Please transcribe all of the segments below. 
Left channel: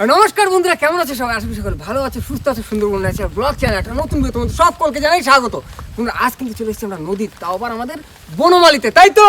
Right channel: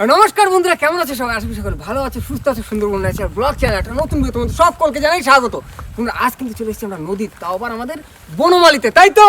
নমস্কার বন্ধুরা কেমন আছে সবাই? আশা করি সকলে ভালো আছে সুস্থ আছে সুন্দরবন আছে ব্লগ চ্যানেল একটা নতুন ভিডিও তোমাদের সকলকে জানাই স্বাগত। তোমরা আজ কিন্তু চলে এসেছি আমরা নদীর তাও আবার আমাদের বনমালিতে তাই তো?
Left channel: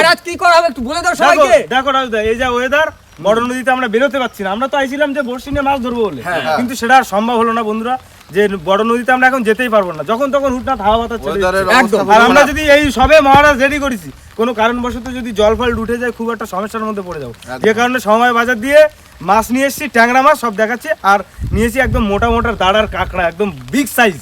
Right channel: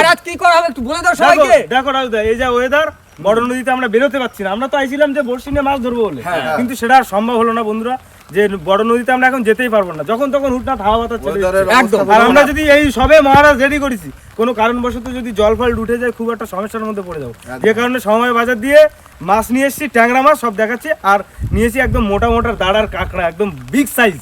আর আজ কি করা হবে একটু বলে দাও সবাইকে। দেখো রাজদা এই যে ওয়েদার বড় নদীতে আমরা বেরোতে পারছি না। আমরা তো আইছিলাম যে বড়শি নিয়ে মাছ ধরবো বলে। হ্যাঁ। কিন্তু সেটা আর সম্ভব হলো না বন্ধুরা। যে বড় নদীতে আমরা এখন যেতেই পারব না। যখন তখন হুটনাথ হাওয়া বাতাস চলে একদম। আর আমরা যদি এই সবে মহারাজ রেডি করেছি কোনো কারণবশত যদি জল ফল উঠে যায় খুব একটা সমস্যার মধ্যে পড়ে যাব। যে কারণে সময় বাজার দিয়ে মাছ নিয়ে এসেছি ট্যাংরা মাছ সব দেখাচ্ছি আর নিয়েছি একদম মোটা মোটা দাঁড়ার কাঁকড়া একদম বিগ সাইজ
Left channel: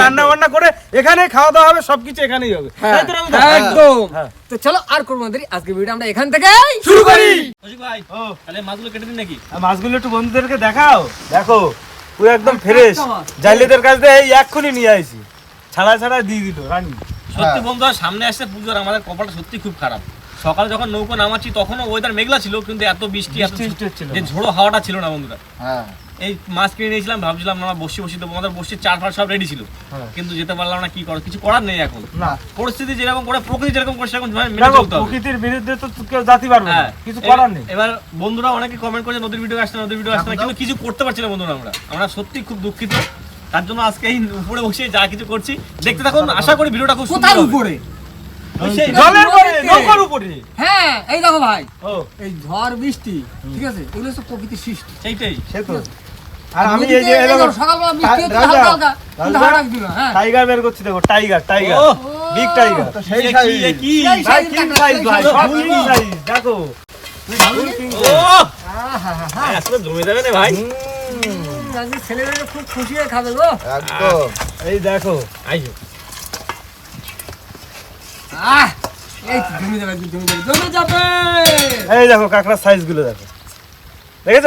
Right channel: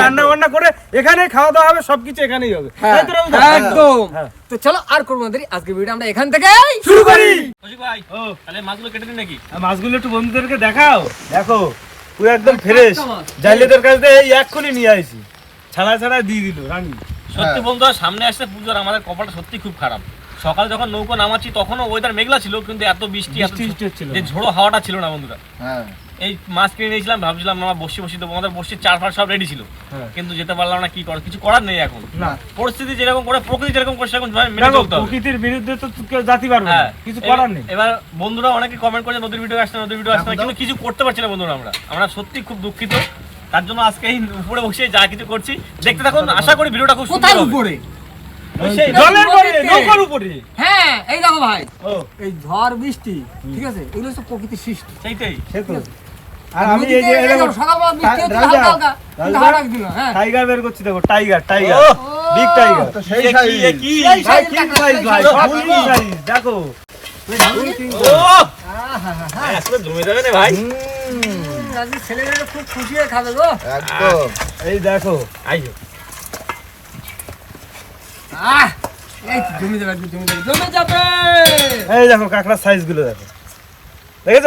রান্না বান্না করে এখানে খাওয়া দাওয়া হবে সবকিছু এখানেই হবে। তাই রাজদা? একদম। হ্যাঁ। তো চলো আর করব না দেরি আজকে ভিডিও আমরা এখান থেকে শুরু করি। ভাই ও। তাহলে মাছগুলো কেটে দিন নাকি? মাছগুলো একটু বন্ধুদেরকে দেখাও। দেখো পুরো একদম ফ্রেশ জাইলেদের কাছ থেকে এই এক্ষুনি নিয়ে আইছি। ছাড়া ছাড়া দিয়ে দিল রানী। সত্যি হ্যাঁ। বন্ধু আর সামনে আসছে পুজোর আমাদের কপালটা সত্যি খুব খারাপ। সকালে যখন নৌকো নামাচ্ছি তখনও ওয়েদার মেঘলা ছিল কিন্তু এত বৃষ্টি এত বৃষ্টি বৃষ্টি হচ্ছিল। যে ঝোড়ো হাওয়াটা ছিল না বন্ধুরা। হ্যাঁ। এই মাছ কিনে নিয়েছিলাম ভাবছিলাম আমার বসে বসে দেবো। আমাদের বসে চার ফার সব রেডি ছিল। হ্যাঁ। কিন্তু যেতে পারলাম না কি করার? কিছু করার নেই এখন। পরিস্থিতি যেরকম করে প্রকৃতি যেরকম করে সেরকম মেনে চলতে হবে। প্রকৃতির বিরুদ্ধে তো কেউ জাতি পারবে না। হ্যাঁ। কিছু করার নেই। এবার বন্ধুরা অনেকে কমেন্ট করে নদীর ভিডিও আসছে না, নদীর ভিডিও আসছে না কিন্তু কিছু করতে পারছি না বন্ধুরা আমরা। আমরা সত্যি খুব দুঃখিত। তার জন্য আজকে এই উপরে বসে যা কিছু করছি। দেখতে থাকুন আশা করি ভিডিওটা খুব সুন্দর হবে। উপরে? জলের পরে নৌকার উপরে। হ্যাঁ এই দেখো ভাই। এই ঝড় বৃষ্টি ঠিক আছে? এগুলো সব প্রকৃতির সৃষ্টি। সেইটাই। আর আমি এই যে হ্যাঁ। টাইগার বের করছি দেখো টাইগার টাইগার। বিগ টাইগার তো সেই সাইজ। কি, সাইজ ভাই সাইজ দেখো। জমে যাবে না ভাই। ছেলেমেয়েরা খুব খুশি হয়ে খাবে গো। একদম। এই দেখো। আইও আহ এই তো জমে যাবে একদম জমে যাবে জমে যাবে। এই দেখো কাঁকড়ার সাইজগুলো দেখো। দেখেছ?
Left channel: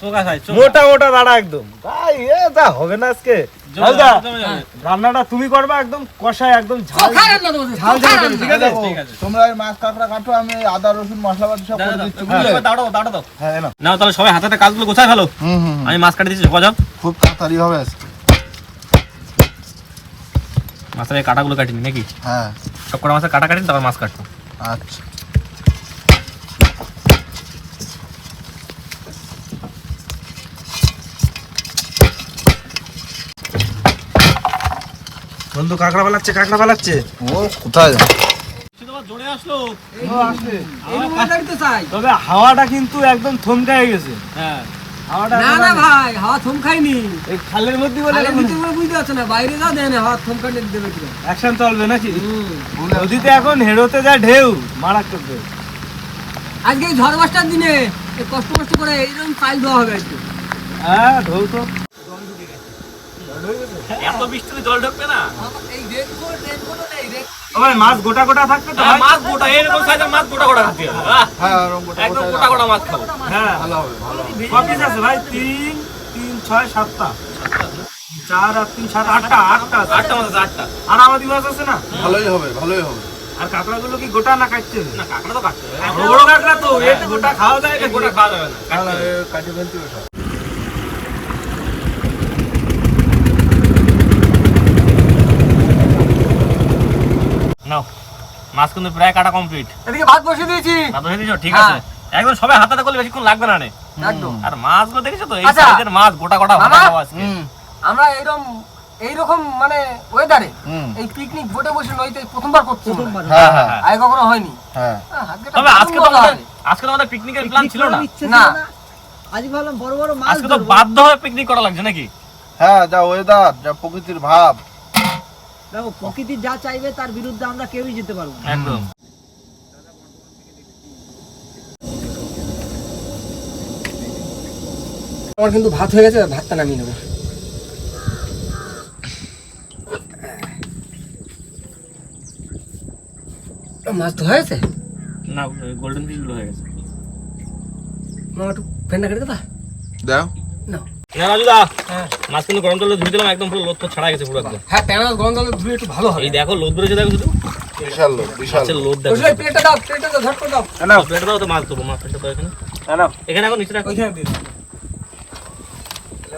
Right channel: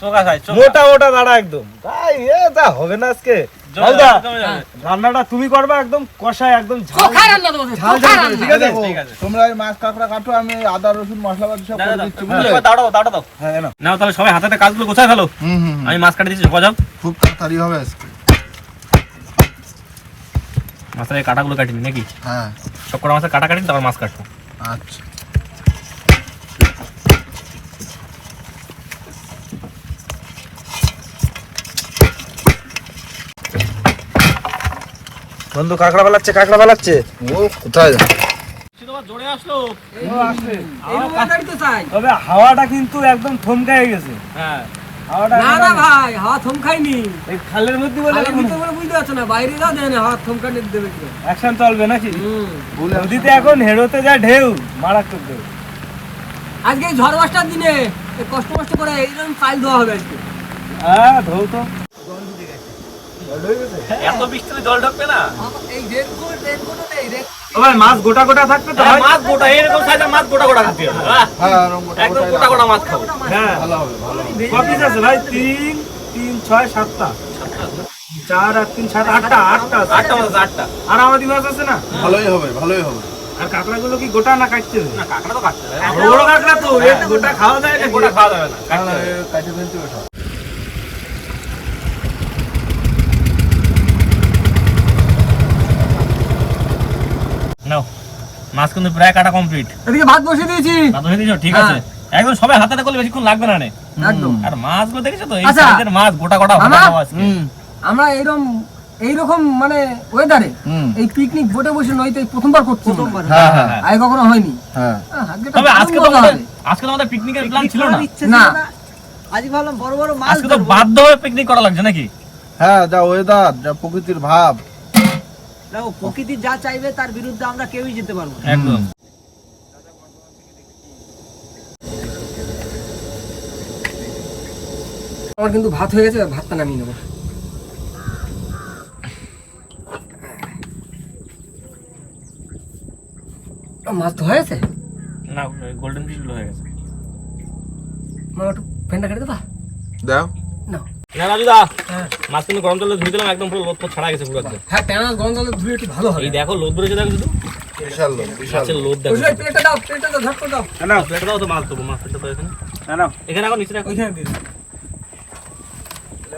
চোখা খাই চোখা। মোটা মোটা দাঁড়া একদম। ভাই এ তা হবে না আজকে। জমে হালদা যাবে, জমে যাবে। রান্নাটা তুমি করবা একদম কষায় একদম ঝাল। চোখা রান্না দেবো ঝাল চোখা ঝাল রান্না। ঠিক আছে? দেখো ঠিক আছে। তোমরা এই মাছ কাঁকড়া কাটো আমি আদা রসুন সব করে দিচ্ছি বুঝলে? দাও, দাও। হ্যাঁ নাও। তাহলে সবাই হাতে হাতে কাজগুলো গোছায় ফেলো। হুম হুম হুম। আমি মাছ কাটে দিচ্ছি গজাও খুব তাড়াতাড়ি হবে আজকে। মাছের কাটাগুলো কাটিনি নাকি? হ্যাঁ। সব কটা মাছের কাটা কাটিনি তারপর মাছ কাটবো। আচ্ছা। বন্ধু কাঁকড়া বালাচ্ছে কাঁকড়া বালাচ্ছে ও কোথায় জোরে আসলো। তবে হাওয়াটা কিন্তু একদম থমকায় গেছে। হ্যাঁ। না না ভাই হাওয়া থমকাইনি এই খালের মধ্যে বলে খালের বলে বুঝতে পারছ না বাইরে যাও দেয় না হাওয়া থমকানি দেবে কি অ্যাকশন চলবে নাকি? নদীতে এখন হেরোতে যায় ঢেউ মারাত্মক ঢেউ। আজকে এই ঝড় বাসটার দিনে এই কষ্ট কষ্ট করে এইরকম ফাইল দেওয়া হবে আজকে। হ্যাঁ ঢেউ তো। এত বৃষ্টিতে জল ঢুকবে না? এই রেনকোট রেনকোট নেই রে ও মাছ গোটা গোটা থাকতো তো? হ্যাঁ, ভাই? মাছ গোটা এরকম সাইজের মাছ গোটা গোটা খাচ্ছি আমরা। আহ, হ্যাঁ একদম গোটা গোটা মাছ খাব। হ্যাঁ। ভালো হবে ভালো হবে। ক পিস আছে ভাই? তিন তিন ছয় সাতটা। চার আর তিন সাত আটটা আটটা আছে। আটটা মাছ আছে, আটটা। আর আমাদের মাছ আছে না? ভালোই হবে ভালোই হবে। আর কাঁকড়া গুলো কি গোটা না কাটছে না কাঁকড়া তো হবে। বড় কাঁকড়া তো এটা গোটা খাওয়া যায় না গোটা খাওয়া যাবে না কাটতে হবে। ফেলতে হবে সব। নাও মাছ কিন্তু প্রায় কাটা কমপ্লিট এদিকে ভাত বসিয়ে দিয়েছি। ভাত হয়ে দিয়েছ? ঠিক আছে। একদম সবাই হাতে হাতে করলে বেশিক্ষণ লাগবে না নে। একদম। আর মাছগুলো দেখেছ তো এই আচ্ছা। মাছ গোটা গোটা আমরা এইরকম এইরকম মানে ওয়েদারে এই পিকনিক বোটে বসে নইতে প্রথমবার করছি হ্যাঁ হ্যাঁ। আগে কখনো হয়নি। হ্যাঁ। তবে আজকে তো। আজকে তো আমাদের পিকনিকের প্ল্যান ছিল না। না। আজকে তো বাধ্য হয়ে পিকনিক করা লাগছে নাকি? হ্যাঁ যা ওয়েদার যা প্রকৃতির ভাব। প্রকৃতি যা চাইবে তার বিরুদ্ধে আমরা কেউই যেতে পারব একদম। আমার কিন্তু ভাত হয়ে গেছে ভাতটা নামিয়ে নেব। মাছ তো হয়েছে? না গোল্ডেন ফিশগুলো হয়ে গেছে। আমার একটু ফ্যানটা কেটে দেবা? দাও। না না রাজু দা মাছ কিন্তু গরম জলে ধুয়ে দিলাম একদম পুরো লোদ ছাড়া গেছে পুরো একদম। হ্যাঁ গরম জলে ধুয়ে একটু ভালো হবে। এই দেখো লোদ বেরোছে দেখো শুধু। বিশাল লোক বিশাল মাছের লোদ দেখো। ওই প্লেটটা দাও প্লেটটা দাও ঝট করে দাও নাও। প্লেটে দাও তো মাছ দেবো মাছ প্লেটটা তো এখানে নাও। এখানে এখন নিচে রাখো। ওইখানে দিন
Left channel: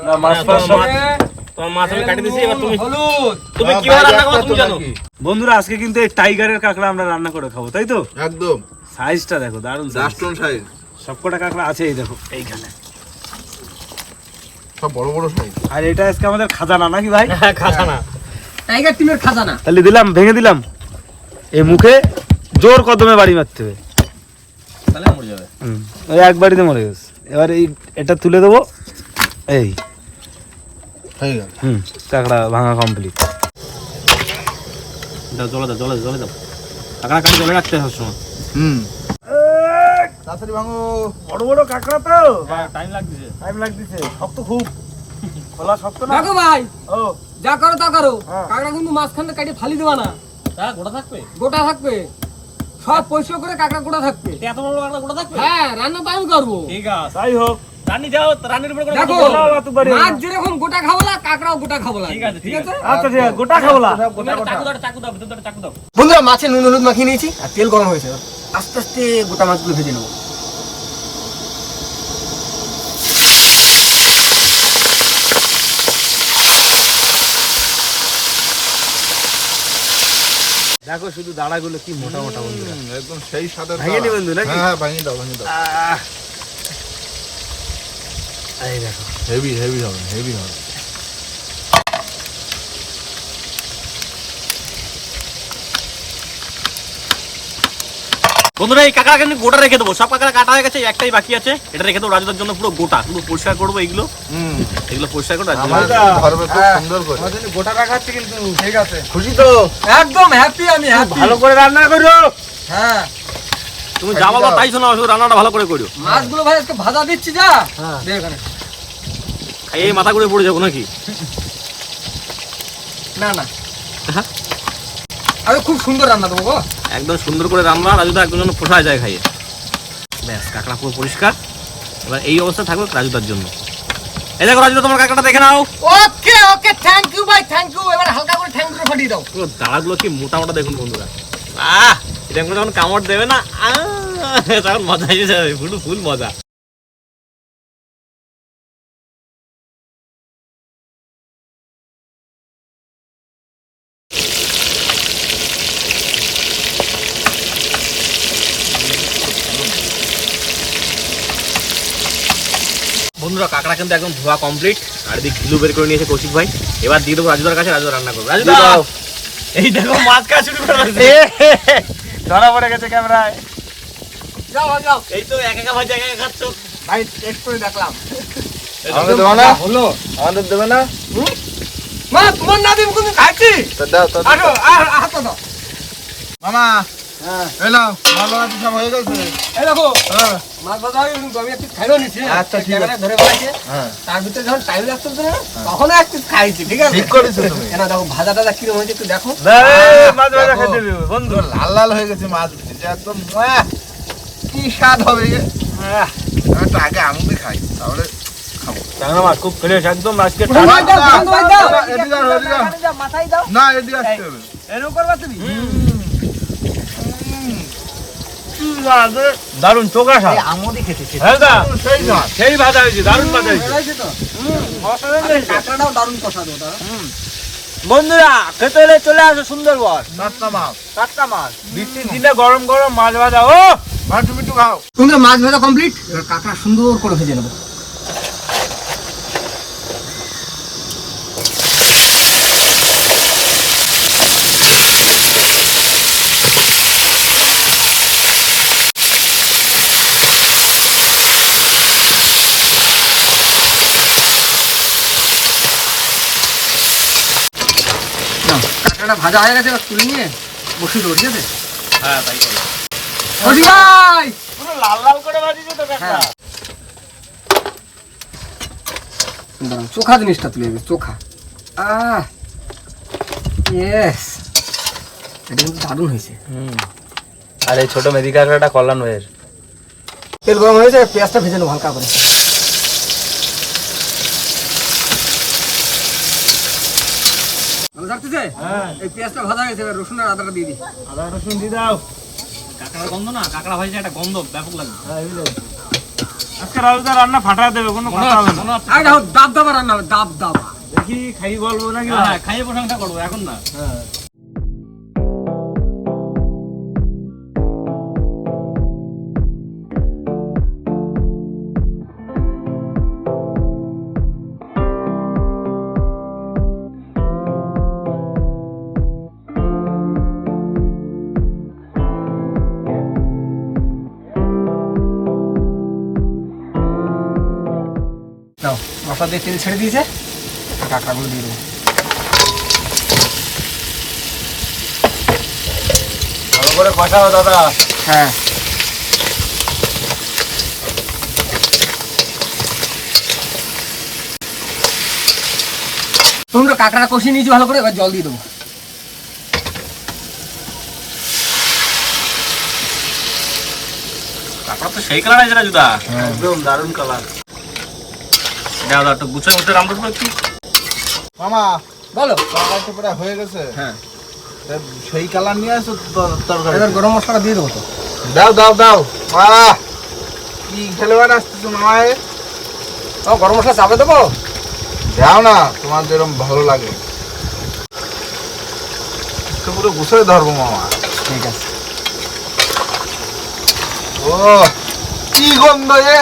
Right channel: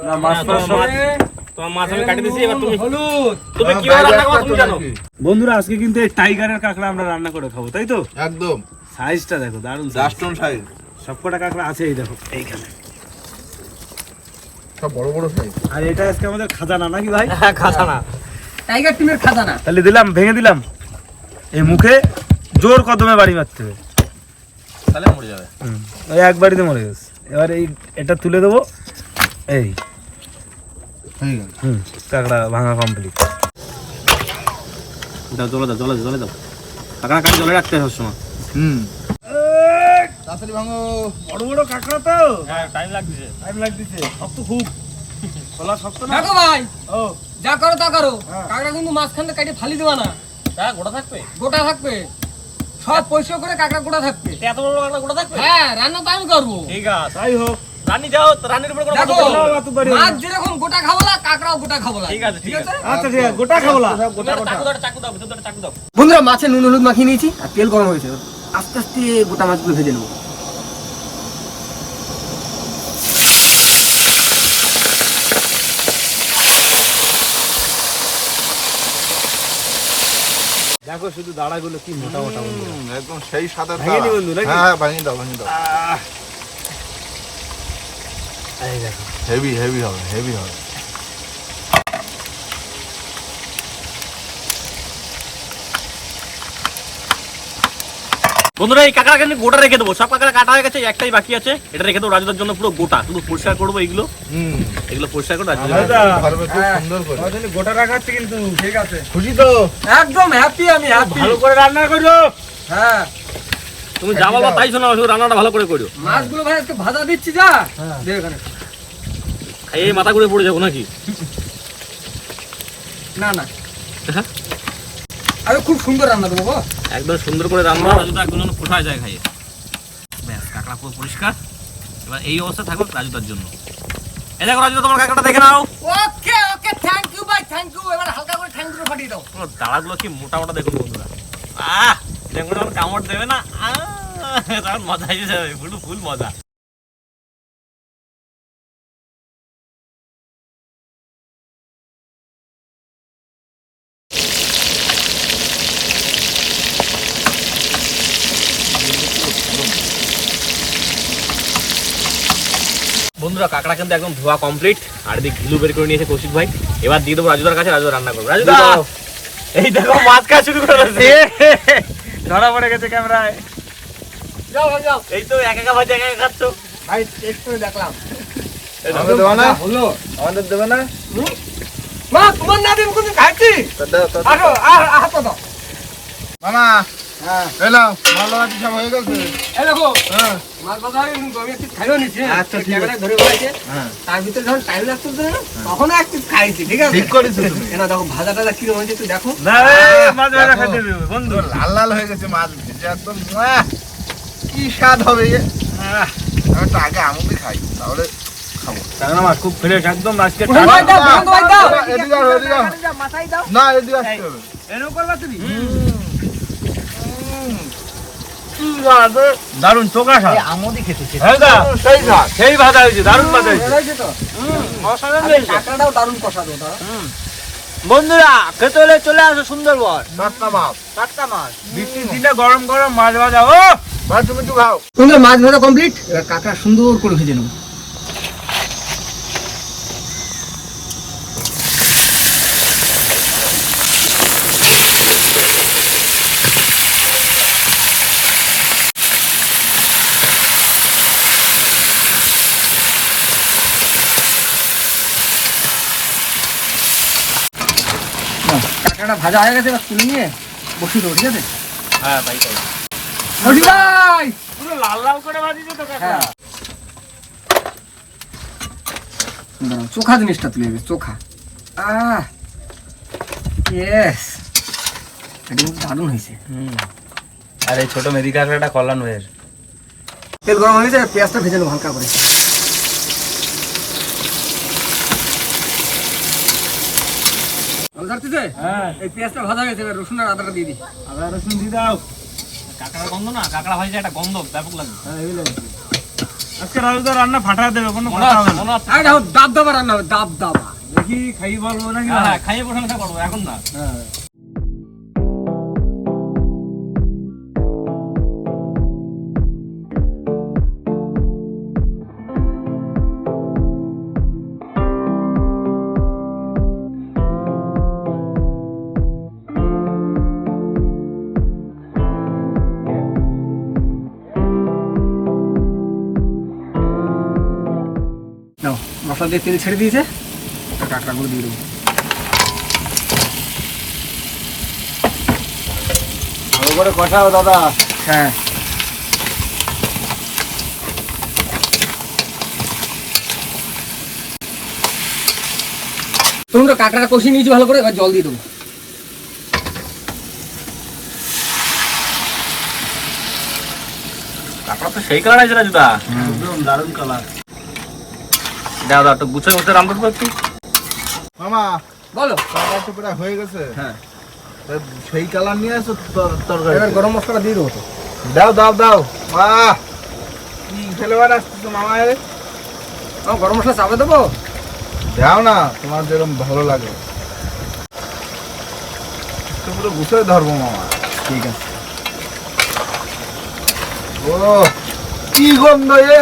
না মাছ হ্যাঁ, মাছ তোমার মাছ আমি কাটি দিয়েছি এবার তুমি হলুদ। তুমি কীভাবে রান্না করো তুমি জানো? বন্ধুরা আজকে কিন্তু টাইগারের কাঁকড়া আমরা রান্না করে খাব তাই তো? একদম। সাইজটা দেখো দারুণ size। সাইজ সবকটা কাঁকড়া আছে এই দেখো এইখানে। সব বড় বড় সাইজ। আর এটা আজকে আমাদের খাজানা নাকি ভাই? খাসানা টাইগার টিমের খাজানা। তাহলে দিলাম ভেঙে দিলাম। এই মুখে জোর কদমে বাড়ি মারতে হবে। তাহলে মরে যাবে। হুম, ওই এক বাড়িতে মরে গেছে। এবার এই এটা তুলে দেবো। এই। হয়ে গেল। হুম কাঁকড়া ভাঙা কমপ্লিট দাও জলে দাও জলে জলে দাও। কাঁকড়া কাটি জলে রাখতে হয় সবসময়। হুম। তাড়াতাড়ি ভাঙো। বড় বড় কাঁকড়া তো। টাইম লাগছে টাইম লাগতেছে। শক্ত খুব। খোলা শক্ত না। দেখো ভাই ও। যা করো তা করো। হ্যাঁ। কাঁকড়া কিন্তু কাটে ফালি দেওয়া না। হ্যাঁ গোটা থাকবে? গোটা থাকবে। সব পরিষ্কার করে কাঁকড়া গোটা থাকবে। এত বড় বড় কাঁকড়া গোটা থাকবে? হ্যাঁ রান্না তো আমি করব। ঠিক আছে। তাই হোক। রানী যাও রানীর উপরে দেখো মাছ যেরকম গোটা খাব না কাঁকড়াও গোটা খাব না। ঠিক আছে, ঠিক আছে। আচ্ছা ঠিক আছে গোটা তুমি চাকু দাও দাও চাকু বন্ধুরা মাছে নুন হলুদ মাখিয়ে নিয়েছি আর তেল গরম হয়েছে। আস্তে আস্তে গোটা মাছগুলো ভেজে নেব। দেখো শুধু দাঁড়াগুলো কি মোটা মোটা বন্ধুরা। একদম সেই সাদা ভেঙে নি বন্ধু নাকি? হ্যাঁ ভেঙে দাও ভেঙে দাও। এই দেখো। হেভি হেভি হবে হেভি হবে। বন্ধুরা এই কাঁকড়া কিন্তু গোটা রেখে দেবো। সব কাঁকড়া কাটা হয়ে গেছে একটাই বাকি আছে। এটা রেখে দেবো রাজুদার জন্য পুরো গোটা। শুধু পরিষ্কার করব এইগুলো। হুম। এগুলো পরিষ্কার করে রাজুদা আমার দাদা। ধরবে খুব সুন্দর করে। আমাদের গোটা রাখাচ্ছে কিন্তু ঠিক আছে। খুশি তো? একদম হ্যাপি আমি হ্যাপি ভালো করে রান্না করো হ্যাঁ। তুমি যা বলব তাই শোনো শুধু রান্নাটা ভালো করে করো মাছগুলো ভাই আজকে ভাজা দিচ্ছি যা। হ্যাঁ। দে মাথা ঘুরে পড়ে যাব নাকি? না না। হ্যাঁ? আরে খুব সুন্দর রান্না দেবো একদম সুন্দর করে রান্না রাজুদা একদম যেন ফোটা যায় খাইয়ে। ব্যাস কাঁকড়া পুরো পরিষ্কার। এবার এই অবস্থা থাকবে রাজুদার জন্য। এই দেখো রাজুদা তোমার কাঁকড়াটা দেখে নাও। ওকে ওকে থ্যাংক ইউ ভাই থ্যাংক ইউ এবার হালকা করে থ্যাংক ইউ ফাটিয়ে দাও। পুরো দাঁড়াগুলো কি মোটা মোটা দেখুন বন্ধুরা। আহ এটা যখন কামড় দেবে না আহ, তখন মজা এসে যাবে। ফুল ফুল মজা। বন্ধুরা কাঁকড়া কিন্তু একদম ধোয়া কমপ্লিট আর এদিকে ঘিলু বের করে নিয়েছে কৌশিক ভাই। এবার দিয়ে দেবো রাজুদার কাছে রাজুদা রান্না করবে। রাজুদা এই দেখো মাছ খাওয়া শুরু করে দিয়েছে। ধরা পড়ে গেছে ক্যামেরায়। যাও যাও। এই তো এক একা এক একা খাচ্ছ। ভাই দেখলাম। হলো। আমাদের দেবে না। মা তোমার না দিন কিন্তু খাচ্ছি তো দাও। আর হাত দাও। মামা হ্যাঁ। এলো ভালো আছে সব হয়ে গেছে? এই দেখো হ্যাঁ। মাছ ভাজা হয়ে কিন্তু আমি একটু খাইও নিচ্ছি হ্যাঁ? আচ্ছা, ঠিক ক্যামেরায় ধরে বলাইছে হ্যাঁ। তার ভিতরে যখন টাইম লাগতো না তখন একটু খাইছি ঠিক আছে? ঠিক করেছ দেখো ভাজা টাজা কিরম হয়েছে দেখো। না, মাছ ভাজা দেখো। খেতে দেবে, বন্ধু। পুরো লাল লাল হয়ে গেছে মাছ ভেজে একদম কি স্বাদ হবে এ? আহ, আমি তো আগে আমুদি খাই তাহলে খাব। টাংরা মাছ খুব ফ্রেশ একদম আজকে না এদিকে আসতে হবে। এরকম করবা তুমি? আমদি খেতে হ্যাঁ দা, সেই হয়েছে দারুণ ভাজা হয়েছে। অসাধারণ কষা বন্ধুরা খেতে হলে চলে আসো সুন্দরবন। টাটকা মাছ। টাটকা মাছ। বৃষ্টির দিনে গরম গরম মাছ ভাজা। ও ভাই তুমি একটু খাও। সুন্দর মাছ ভাজা কমপ্লিট কাঁকড়া সুন্দর করে ভেজে নেব। ভাজা হয়ে গেছে এবার তুলে নিয়ে বসিয়ে দেবো ঠিক আছে? হ্যাঁ তাই করো। বসি ভাই! লাল লাল করে ভাজিছে তো হ্যাঁ। চোখা জিনিসটা তুলে দেবে চোখা। আহ! ইয়েস এটা কিন্তু দারুণ হয়েছে। আর এই ছোট মেদি কাঁকড়াটা কল্যাণ হয়ের তেল গরম হয়েছে পেঁয়াজটা ভেজে নেব হালকা করে। থাকতেছে হ্যাঁ। এই পেঁয়াজটা ভাজা হয়েছে এবার রসুন আর আদাটা দিয়ে দিই। আদা রসুন দিয়ে দাও। কাঁকড়া গন্ধ না কাঁকড়া ভাজি একটা গন্ধ ব্যাপক লাগে হ্যাঁ এই আজকে আজকে রাজুদা রান্না ফাটা দেবে কোনো কথা হবে না। আর দাব দাবা রান্না হবে দাব দাবা। দেখি খাই বলব নাকি হ্যাঁ, হ্যাঁ, খাইয়ে প্রশংসা করব এখন না। হ্যাঁ। দিয়ে তেল ছেড়ে দিয়েছে। আর কাঁকড়াগুলো দিয়ে দেবো। ভালো করে কষাও দাদা। হ্যাঁ। তোমরা কাঁকড়াটা কষিয়ে নিয়েছি ভালো করে এবার জল দিয়ে দেবো। কাপড় তো সেই কালার আছে না জুতা? একদম দারুণ কালার দাও দাও একটু গুছিয়ে মুছে রাম করব একটু। মামা বলো। তরকারি তো প্রায় হয়ে গেছে। হ্যাঁ। সেই কালার নিয়ে আসো তরকারি এবার গরম মশলা দিয়ে দেবো দাও দাও দাও। বাহ কি ফ্লেভার আসতেছে মামা এ? ও গরম মশলা চাপে দেবো? দাও না তোমার যেরকম ভালো লাগে। তো পুরো গুছিয়ে ধরবো মামা। ঠিক আছে। ও কি গন্ধ এ?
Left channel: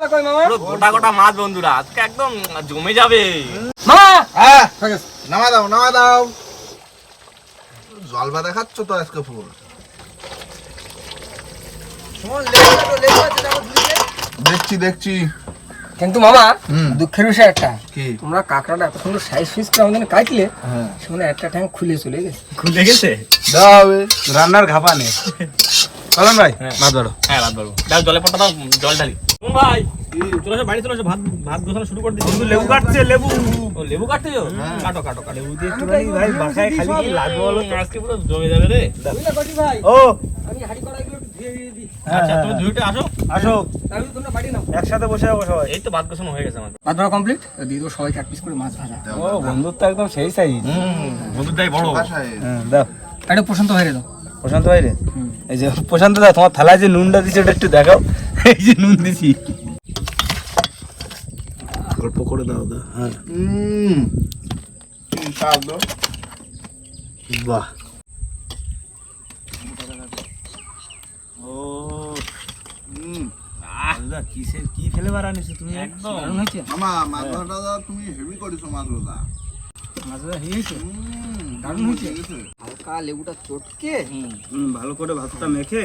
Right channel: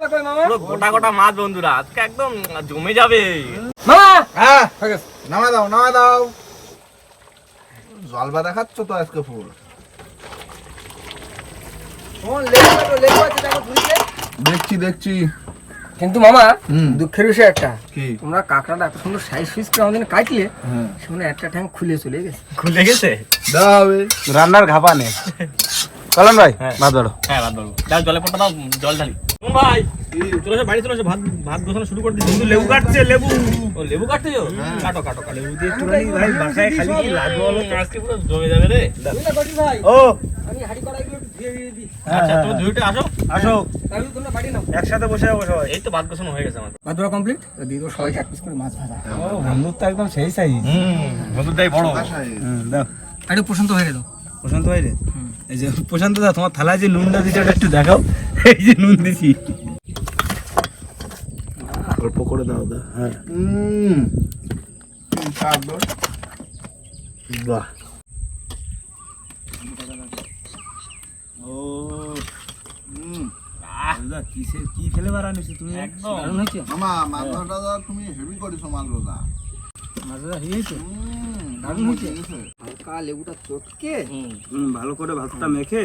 পুরো গোটা গোটা মাছ বন্ধুরা আজকে একদম জমে যাবে। হ্যাঁ নামা দাও নামা দাও। জল বাদা তো আজকে ফুল দেখছি দেখছি। কিন্তু মামা দুঃখের বিষয় একটা। তোমরা কাঁকড়াটা এত সুন্দর সাইজ সুইজ করে আমাদের কাটলে হ্যাঁ। সেখানে একটা ট্যাঙ্ক খুলে চলে গেছে। খুলে গেছে? রান্নার ঘাপা নেই ভাই ভাত ধরো। হ্যাঁ ভাত বলব দাও জলে পটা দাও জল ঢালি। কোন ভাই চলে এসো বাড়ি চলে এসো ভাত ভাত গোছানো শুরু করে দিচ্ছি। লেবু কাটছে লেবু। ও লেবু কাটতে যাও? কাটো কাটো কাটো। লেবু দিয়ে ভাই বাসায় খালি কি লাগবে বলো তো? আজকে পুরো জমে যাবে রে। ভাই। ও। আমি হাড়ি কড়াইগুলো একটু ধুয়ে দিয়ে দিই। আচ্ছা তুমি আসো। আসো। তাহলে তোমরা বাড়ি নাও। একসাথে বসে যাব সবাই। এই তো ভাত গোছানো হয়ে গেছে আমার ভাত ধরা কমপ্লিট দিয়ে সবাইকে এক পিস করে মাছ ভাজা। ও বন্ধুত্ব একদম সেই সাইজ হুম বন্ধুর দাই বড়। হ্যাঁ দাও। এটা পছন্দ হয়ে দাও। প্রশান্ত ভাই রে এই যে প্রশান্ত দা তোমার থালায় যে নুনটা দিছে ওটা একটু দেখাও। এই যে নুন দিছি। অল্প করে দাও দাও হ্যাঁ। বাহ। ও কিসের কি ফেলে বাড়ানিছো তুমি? একদম। দারুণ হয়েছে। মামা মাছ ভাজাটা তুমি হেভি করেছ মাছ ভাজা মাছ ভাজা হয়েছে? দারুণ হয়েছে। ঠিক লেবুটা চটকে। ভালো করে ভাতটা মেখে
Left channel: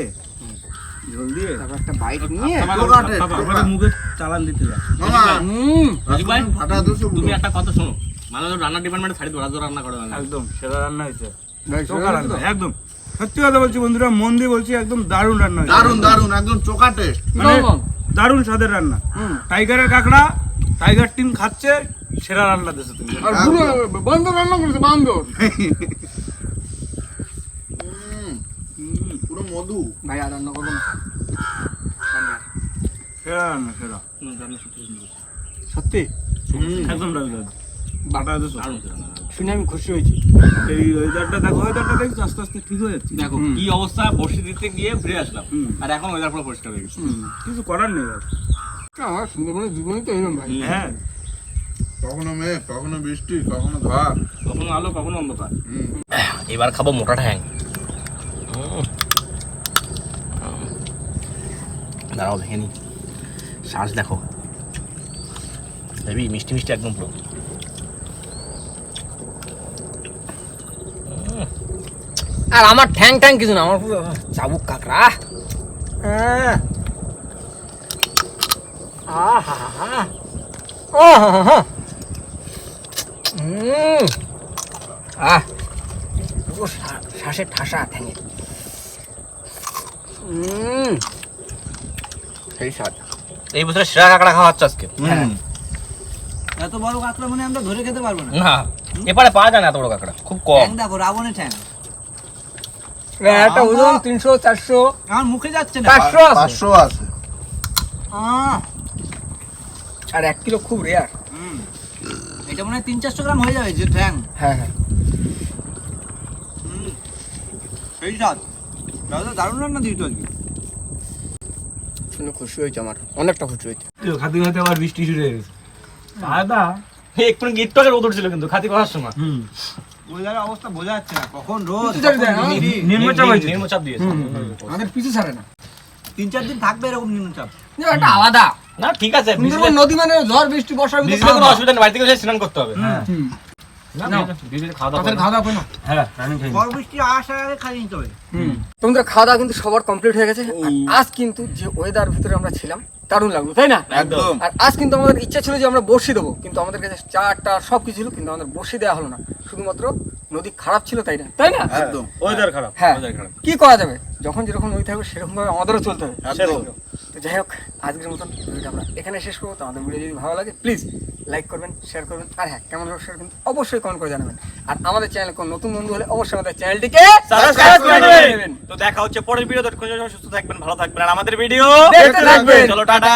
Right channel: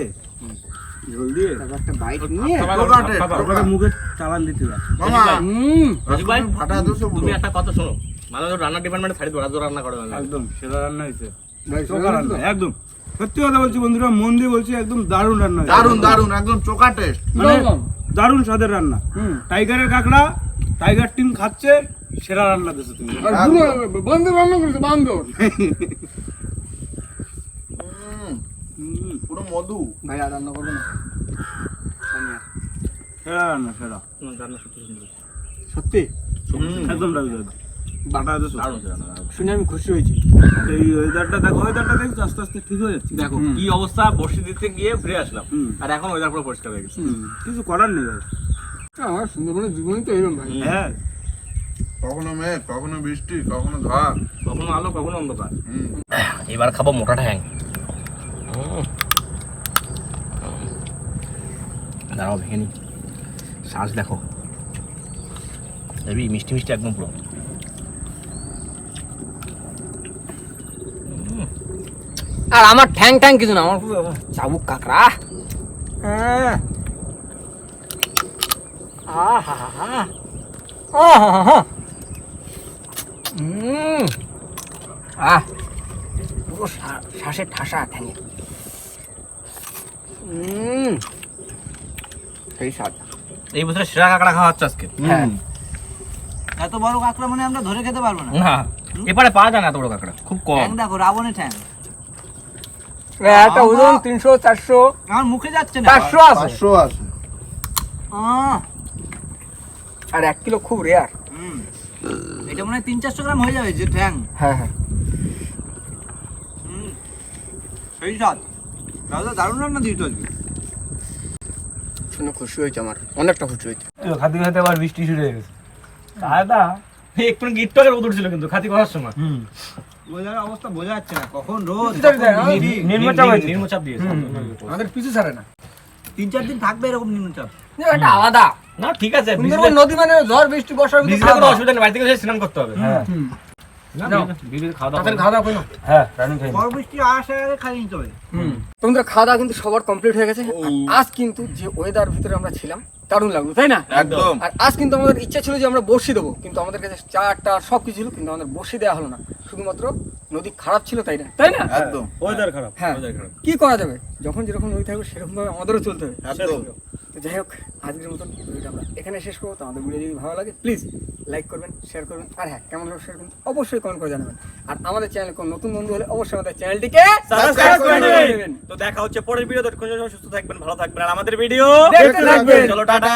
ঝোল দিয়ে তারপর একটা বাইট নিয়ে টোকাটে, মুখে চালান দিতে দাও মামা হুম। রাজীব ভাই, রাজু ফাটা দিছো তুমি একটা কথা শোনো। মানে রান্নার ডিপার্টমেন্টে ছাড়ি দেবো রান্না করে একদম সেরা রান্না হয়েছে। রান্না একদম। সত্যি কথা বলছি বন্ধুরা মন দিয়ে বলছি একদম দারুণ রান্না দারুণ দারুণ একদম টেস্ট মানে দারুণ। দারুণ স্বাদের রান্না। হুম। টাইগারের কাঁকড়া টাইগার টিম খাচ্ছে সেরা রান্না দিয়েছ তুমি। বন্ধু রান্না করেছে বান্ধব হুম, পুরো মধু? ভাই আর রান্না করব না। সেরা রান্না সেরা। রান্না সত্যি সুন্দর সত্যি? একদম বাটা। শুনে আমি খুশি হয়েছি। এই ওয়েদারটা দেখো ওয়েদারটা দেখছ আস্তে আস্তে ঠিক হয়ে যাচ্ছে। দেখো কি অবস্থা বসে দিতে গিয়ে ফিরে আসলাম। আর এখন ওয়েদার পুরো পরিষ্কার হয়ে গেছে। কিছু করার নেই আমার সুন্দরবনের জীবনই তো এরকম ভাই। হ্যাঁ। কখনো মেঘ কখনো বৃষ্টি কখনো ঝড়। কখনো আলো কখনো অন্ধকার। এবার খাব মোটা ঠ্যাং। দাঁড়াও দেখে নি। শ্বাস দেখো। হেবি মিষ্টি মিষ্টি একদম পুরো। আর আমার ঠ্যাং ঠ্যাং কিছু না আমার পুরো চাবুক কাকড়া। হ্যাঁ। আহা হা হা ও হা হা হা হুম আহ। পুরো শা- শ্বাসে ঠাসা ঠ্যাঙে হুম সেই স্বাদ। এই বছর সেরা কাঁকড়া খাওয়া হচ্ছে আজকে। হ্যাঁ। এত বড় কাঁকড়া মানে আমরা ধরে খেতে পারব না। না এপারে পাওয়া যায় না এত বড় কাঁকড়া খুব কম। ঠ্যাং দেখো রাবণের ঠ্যাং। একটা ওজন তিনশো চারশো। আমার মুখে যাচ্ছে না। চারশো আছে। পাঁচশো আছে। আহ, আর এক কিলো খুব রেয়ার হুম। এটা মনে হয় তিন চারশো গ্রাম হয়ে যাবে যে ঠ্যাং। হ্যাঁ হ্যাঁ। হুম। সেই স্বাদ। দাদা দারুণ রান্না দিয়েছ আজকে। শুনে খুশি হয়েছে আমার অনেকটা খুশি হয়েছে। খাতে খাতে আবার বৃষ্টি শুরু হয়ে গেছে। দাদা একটু গিটটকের মতো ছিল কিন্তু খাতি করার সময়। হুম। অবস্থা বোঝা যাচ্ছে না কখন রোদ হ্যাঁ? নিম্নচাপ হয়েছে। নিম্নচাপ দিয়েছে। আমাদের পিছু ছাড়ে না। তিন চার দিন থাকবে এরকম নিম্নচাপ। একটা আলাদা। না ঠিক আছে নদী মানে ঝড় বৃষ্টি বর্ষার ভিতরে অসুবিধা নেই বাড়ি থেকে স্নান করতে হবে। হ্যাঁ তোমাদের খাওয়া দাওয়া কিন্তু সবার কমপ্লিট হয়ে গেছে। আজ কিন্তু যে ওয়েদার ভিতরে আমরা ছিলাম দারুণ লাগল তাই না? একদম। আর আজ কিন্তু আমাদের ইচ্ছা ছিল যে আমরা বর্ষি দেবো। কিন্তু আমাদের কাছে চারটা সব কিছু ছিল কিন্তু আমাদের বর্ষি দেওয়া হলো না। শুধুমাত্র নদী খারাপ ছিল তাই না? তাই না? একদম। ওয়েদার খারাপ হ্যাঁ। কি করা যাবে? যখন যেরকম নদী থাকবে সেরকম ভাবে আমাদেরও চলতে হবে। একদম। তো যাই হোক আজকের মতন ভিডিওটা আমরা এখানে শেষ করব। তো আমাদের ভিডিও যদি ভালো লাগে প্লিজ লাইক করবেন শেয়ার করবেন। আর হ্যাঁ কেমন হোক শেয়ার কিন্তু অবশ্যই কমেন্ট করে জানাবেন। আর আমাদের চ্যানেল কোনো নতুন বন্ধু হলে অবশ্যই আমাদের চ্যানেলটিকে সাবস্ক্রাইব করে নেবেন। তো দেখা হচ্ছে পরের ভিডিও ততক্ষণ সুস্থ থাকবেন ভালো থাকবেন। আর আমাদের ভিডিও দেখতে থাকবেন। চলো টাটা।